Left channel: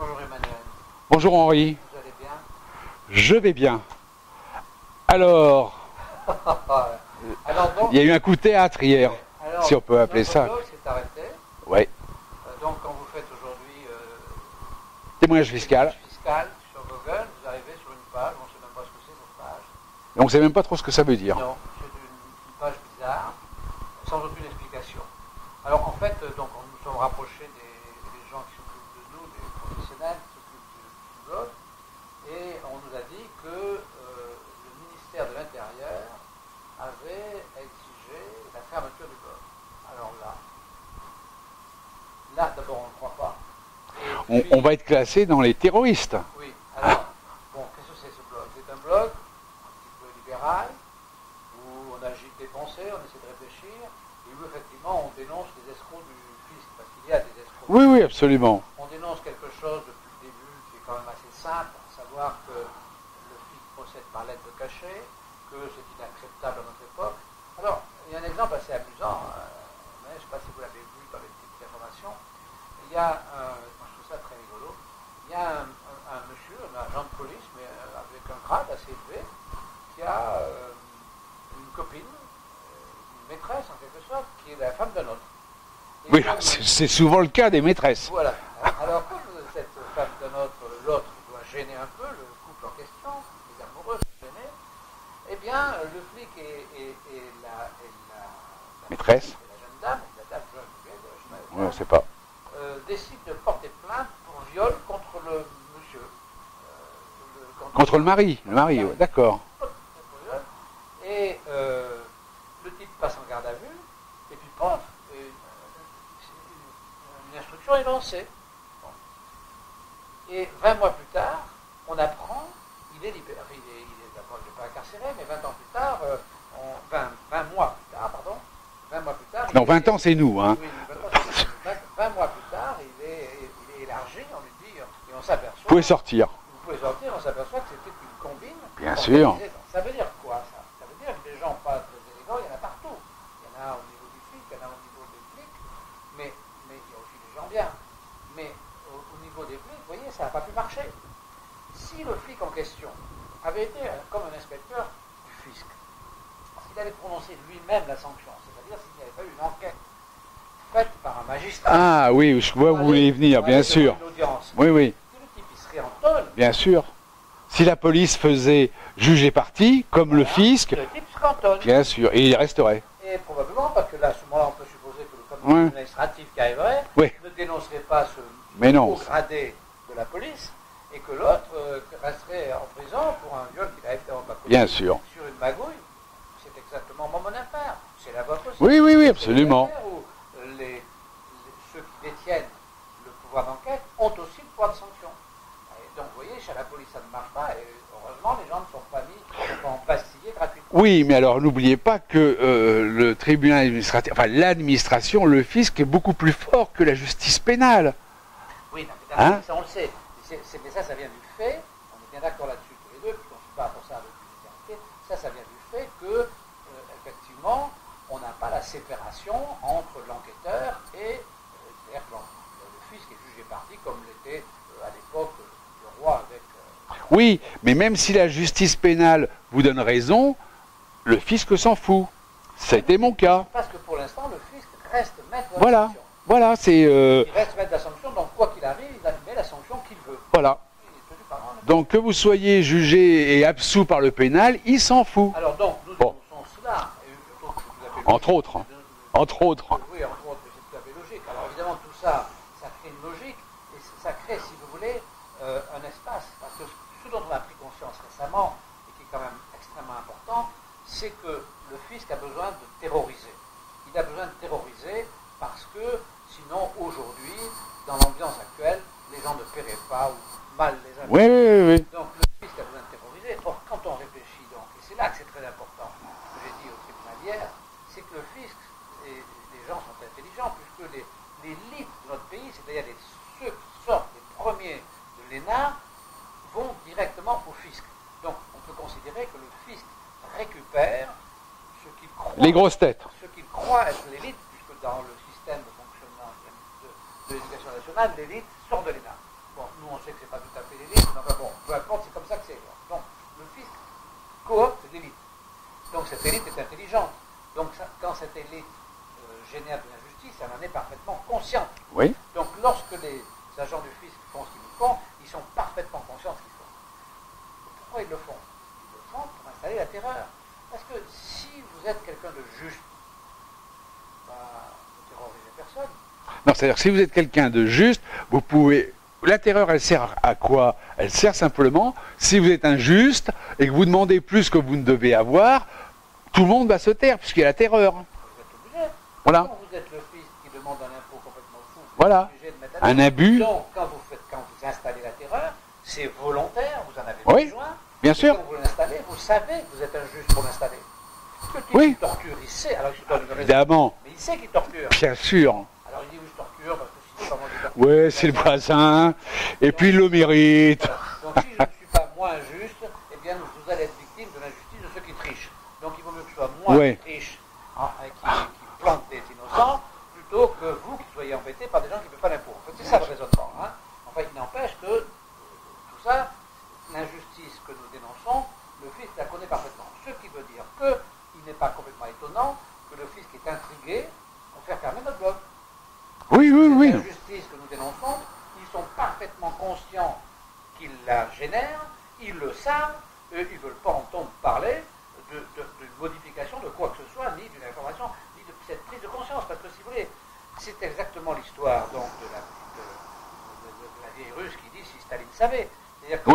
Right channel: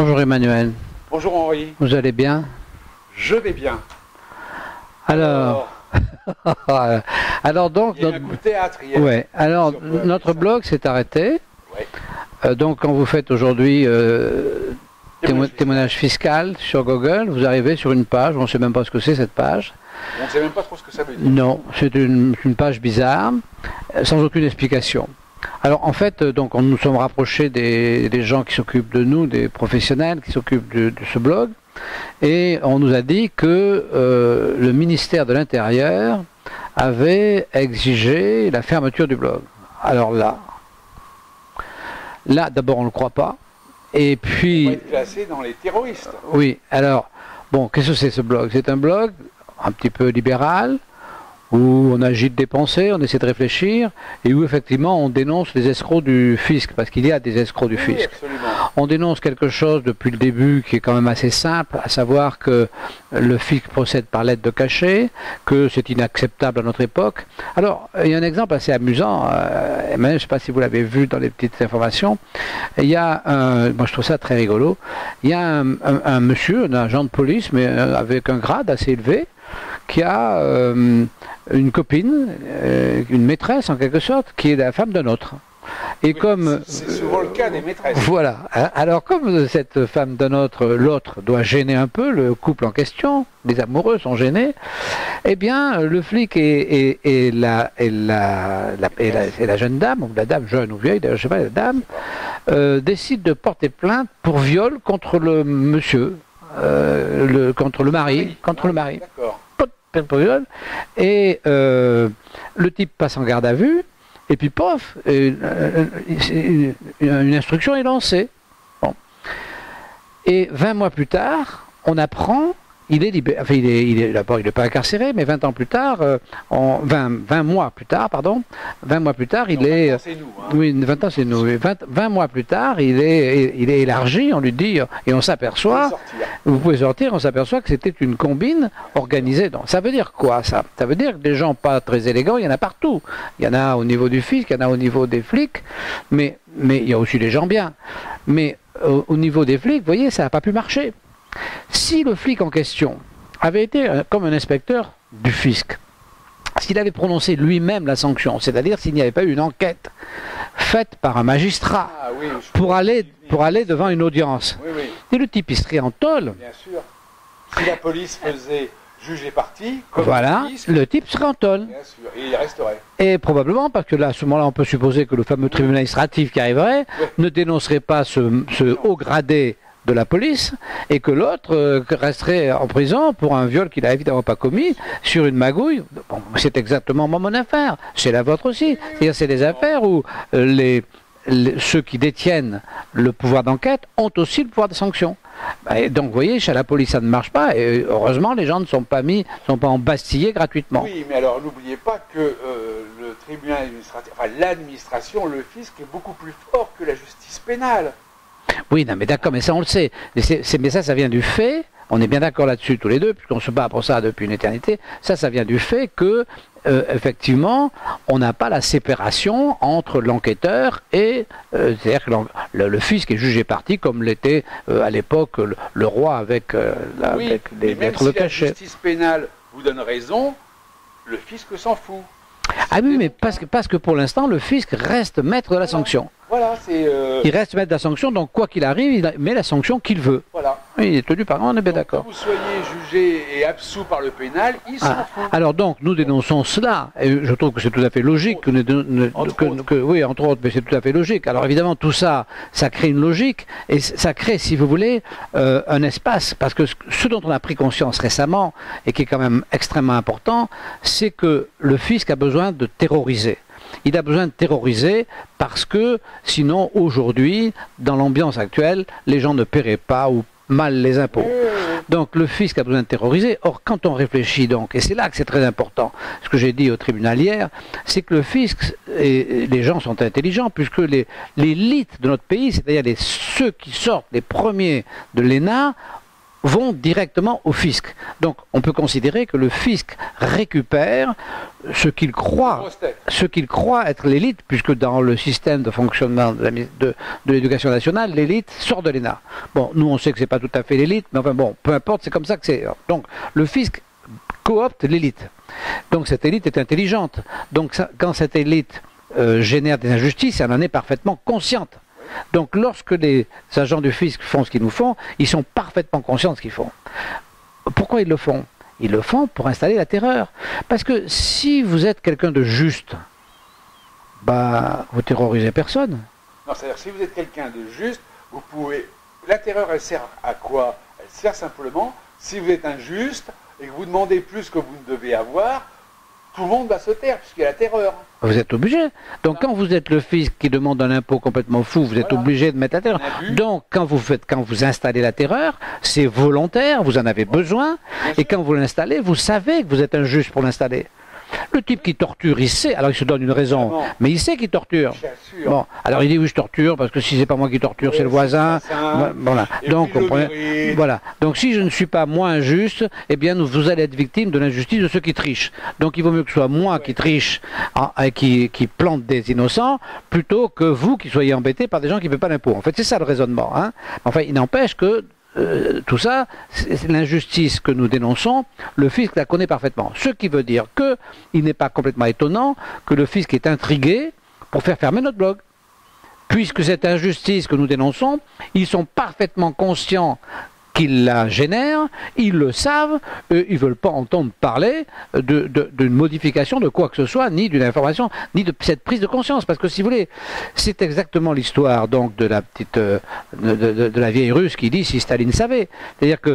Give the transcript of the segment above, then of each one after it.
Bonjour Emmanuel. Bonjour Henri. Vous allez bien? Je vais bien. Alors, donc, il y a eu un coup de théâtre hier. Ouais. Alors, si on peut appeler notre ça. blog s'est arrêté. Ouais. Donc, quand vous faites aujourd'hui Témoignage fiscal sur Google, vous arrivez sur une page, on ne sait même pas ce que c'est cette page. On ne sait même pas trop ce que ça veut dire. Non, c'est une page bizarre, sans aucune explication. Alors en fait, donc on nous sommes rapprochés des gens qui s'occupent de nous, des professionnels qui s'occupent de ce blog, et on nous a dit que le ministère de l'Intérieur avait exigé la fermeture du blog. Alors là d'abord on ne le croit pas, et puis... On va être classé dans les terroristes. Oui, alors, bon, qu'est-ce que c'est ce blog? C'est un blog un petit peu libéral, où on agite des pensées, on essaie de réfléchir, et où effectivement on dénonce les escrocs du fisc, parce qu'il y a des escrocs du fisc. Oui, absolument. On dénonce quelque chose depuis le début qui est quand même assez simple, à savoir que le fisc procède par lettre de cachet, que c'est inacceptable à notre époque. Alors, il y a un exemple assez amusant, Emmanuel, je ne sais pas si vous l'avez vu dans les petites informations, il y a moi je trouve ça très rigolo, il y a un monsieur, un agent de police, mais avec un grade assez élevé, qui a une copine, une maîtresse en quelque sorte, qui est la femme d'un autre. Et oui, comme c'est souvent le cas des maîtresses. Voilà. Alors comme cette femme d'un autre, l'autre doit gêner un peu le couple en question, les amoureux sont gênés, eh bien le flic et la jeune dame, ou la dame jeune ou vieille, je ne sais pas, la dame, décident de porter plainte pour viol contre le monsieur, contre le mari. D'accord. Et le type passe en garde à vue, et puis pof, une instruction est lancée. Bon. Et 20 mois plus tard, on apprend, il est libéré, enfin d'abord il n'est pas incarcéré, mais 20 ans plus tard, 20 mois plus tard, pardon, 20 mois plus tard, il non, est... 20 ans c'est nous, hein. Oui, 20 ans c'est nous. 20 mois plus tard, il est élargi, on lui dit, et on s'aperçoit... Vous pouvez sortir. Vous pouvez sortir, on s'aperçoit que c'était une combine organisée. Donc, ça veut dire quoi ça? Ça veut dire que des gens pas très élégants, il y en a partout. Il y en a au niveau du fisc, il y en a au niveau des flics, mais il y a aussi des gens bien. Mais au niveau des flics, vous voyez, ça n'a pas pu marcher. Si le flic en question avait été comme un inspecteur du fisc, s'il avait prononcé lui-même la sanction, c'est-à-dire s'il n'y avait pas eu une enquête faite par un magistrat pour aller devant une audience, et le type il serait en tôle. Bien sûr. Si la police faisait juger parti, comme le fisc, le type serait en tôle. Bien sûr, et il resterait. Et probablement, parce que là, à ce moment-là, on peut supposer que le fameux tribunal administratif qui arriverait ne dénoncerait pas ce haut gradé de la police, et que l'autre resterait en prison pour un viol qu'il n'a évidemment pas commis sur une magouille. Bon, c'est exactement mon affaire, c'est la vôtre aussi. C'est des affaires où ceux qui détiennent le pouvoir d'enquête ont aussi le pouvoir de sanction. Et donc vous voyez, chez la police ça ne marche pas, et heureusement les gens ne sont pas embastillés gratuitement. Oui, mais alors n'oubliez pas que le tribunal administratif, enfin l'administration, le fisc est beaucoup plus fort que la justice pénale. Oui, non, mais d'accord, mais ça on le sait. Mais ça vient du fait, on est bien d'accord là-dessus tous les deux, puisqu'on se bat pour ça depuis une éternité, ça vient du fait que, effectivement, on n'a pas la séparation entre l'enquêteur et, c'est-à-dire que le fisc est jugé parti, comme l'était à l'époque le roi avec... mais même si la justice pénale vous donne raison, le fisc s'en fout. Ah oui, mais parce que pour l'instant, le fisc reste maître de la sanction. Voilà, c'est... Il reste maître de la sanction, donc quoi qu'il arrive, il met la sanction qu'il veut. Voilà. Oui, il est tenu par un, on est bien d'accord. Donc que vous soyez jugé et absous par le pénal, il s'en fout. Alors donc, nous dénonçons cela, et je trouve que c'est tout à fait logique. Oui, entre autres, mais c'est tout à fait logique. Alors évidemment, tout ça, ça crée une logique, et ça crée, si vous voulez, un espace. Parce que ce dont on a pris conscience récemment, et qui est quand même extrêmement important, c'est que le fisc a besoin de terroriser. Il a besoin de terroriser parce que sinon aujourd'hui, dans l'ambiance actuelle, les gens ne paieraient pas ou mal les impôts. Donc le fisc a besoin de terroriser. Or quand on réfléchit donc, et c'est là que c'est très important, ce que j'ai dit au tribunal hier, c'est que le fisc, et les gens sont intelligents, puisque l'élite de notre pays, c'est-à-dire ceux qui sortent les premiers de l'ENA, vont directement au fisc. Donc on peut considérer que le fisc récupère ce qu'il croit, les grosses têtes, ce qu'il croit être l'élite, puisque dans le système de fonctionnement de l'éducation nationale, l'élite sort de l'ENA. Bon, nous on sait que c'est pas tout à fait l'élite, mais enfin bon, peu importe, c'est comme ça que c'est. Donc le fisc coopte l'élite. Donc cette élite est intelligente. Donc ça, quand cette élite génère des injustices, elle en est parfaitement consciente. Oui. Donc lorsque les agents du fisc font ce qu'ils nous font, ils sont parfaitement conscients de ce qu'ils font. Pourquoi ils le font? Ils le font pour installer la terreur. Parce que si vous êtes quelqu'un de juste, bah, vous terrorisez personne. Non, c'est-à-dire que si vous êtes quelqu'un de juste, vous pouvez... La terreur, elle sert à quoi? Elle sert simplement, si vous êtes injuste et que vous demandez plus que vous ne devez avoir, tout le monde va se taire, puisqu'il y a la terreur. Vous êtes obligé. Donc voilà. Quand vous êtes le fisc qui demande un impôt complètement fou, vous êtes voilà. obligé de mettre la terreur. Un abus. Donc quand vous installez la terreur, c'est volontaire, vous en avez besoin. Bien et sûr. quand vous l'installez, vous savez que vous êtes injuste pour l'installer. Le type qui torture, il sait, alors il se donne une raison, mais il sait qu'il torture. Bien sûr. Bon, alors il dit oui je torture parce que si c'est pas moi qui torture, c'est le voisin. Voilà. Et donc, puis le mérite. Voilà. Donc si je ne suis pas moi injuste, eh bien vous allez être victime de l'injustice de ceux qui trichent. Donc il vaut mieux que ce soit moi qui triche, qui plante des innocents, plutôt que vous qui soyez embêtés par des gens qui ne paient pas l'impôt. En fait c'est ça le raisonnement. Hein. Enfin il n'empêche que tout ça, c'est l'injustice que nous dénonçons, le fisc la connaît parfaitement. Ce qui veut dire qu'il n'est pas complètement étonnant que le fisc est intrigué pour faire fermer notre blog. Puisque cette injustice que nous dénonçons, ils sont parfaitement conscients qu'ils la génèrent, ils le savent, ils ne veulent pas entendre parler d'une modification de quoi que ce soit, ni d'une information, ni de cette prise de conscience. Parce que si vous voulez, c'est exactement l'histoire donc de la petite, de la vieille Russe qui dit si Staline savait. C'est-à-dire que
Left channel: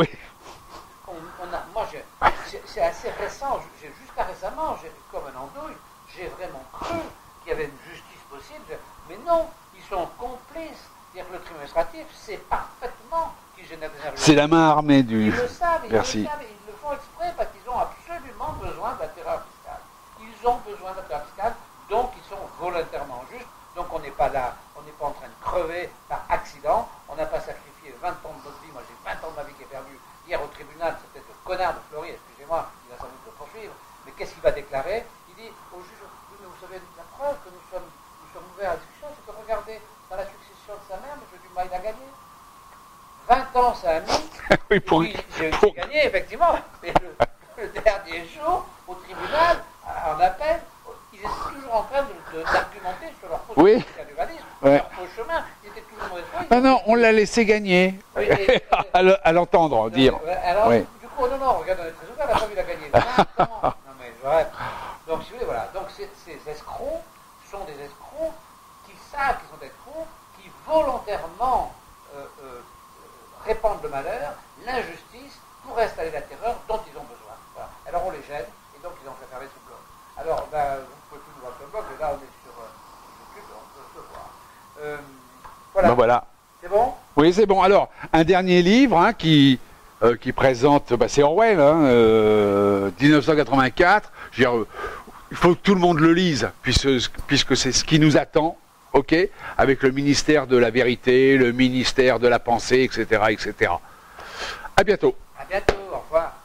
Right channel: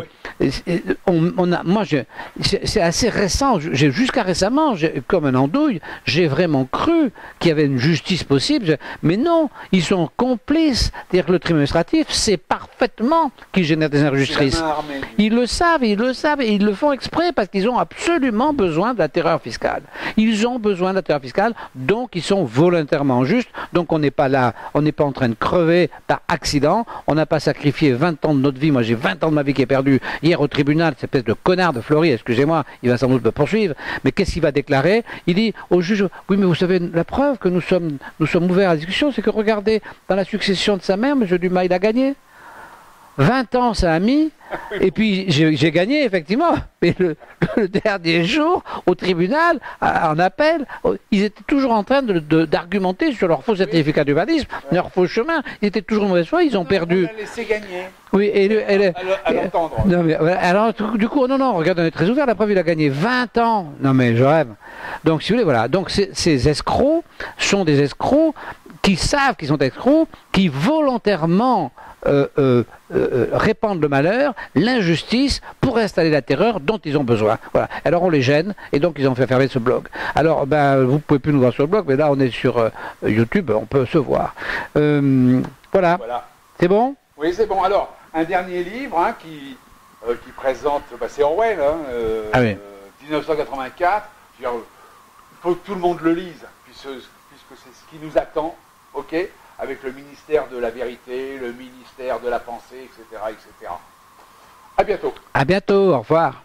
c'est assez récent, jusqu'à récemment, comme un andouille, j'ai vraiment cru qu'il y avait une justice possible, mais non, ils sont complices. C'est-à-dire que le tribunal administratif sait parfaitement qu'ils génèrent des injustices. C'est la main armée du... Ils le savent, ils le savent, et ils le font exprès parce qu'ils ont absolument besoin de la terreur fiscale. Ils ont besoin de la terreur fiscale, donc ils sont volontairement justes, donc on n'est pas là, on n'est pas en train de crever par accident, on n'a pas sacrifié 20 ans de notre vie, moi j'ai 20 ans de ma vie qui est perdue hier au tribunal, cette espèce de connard de Flory, excusez-moi, il va sans doute me poursuivre, mais qu'est-ce qu'il va déclarer? Il dit au juge, oui mais vous savez, la preuve que nous sommes ouverts à la discussion, c'est que regardez, dans la succession de sa mère, M. Dumas, il a gagné. 20 ans ça a mis, et puis j'ai gagné effectivement, mais le dernier jour, au tribunal, en appel, ils étaient toujours en train d'argumenter sur leur faux certificat d'urbanisme, leur faux chemin, ils étaient toujours de mauvaise foi, ils ont perdu. On l'a laissé gagner, oui, à l'entendre. Alors du coup, non, regarde, on est très ouvert, la preuve il a gagné 20 ans, non mais je rêve. Donc si vous voulez, voilà, donc ces escrocs sont des escrocs qui savent qu'ils sont escrocs, qui volontairement répandent le malheur, l'injustice pour installer la terreur dont ils ont besoin. Voilà. Alors on les gêne et donc ils ont fait fermer ce blog. Alors vous ne pouvez plus nous voir sur le blog, mais là on est sur YouTube, on peut se voir. Voilà. C'est bon? Oui, c'est bon. Alors, un dernier livre qui présente, c'est Orwell, 1984. Je veux dire, il faut que tout le monde le lise, puisque c'est ce qui nous attend. OK, avec le ministère de la vérité, le ministère de la pensée, etc., etc. À bientôt. À bientôt, au revoir.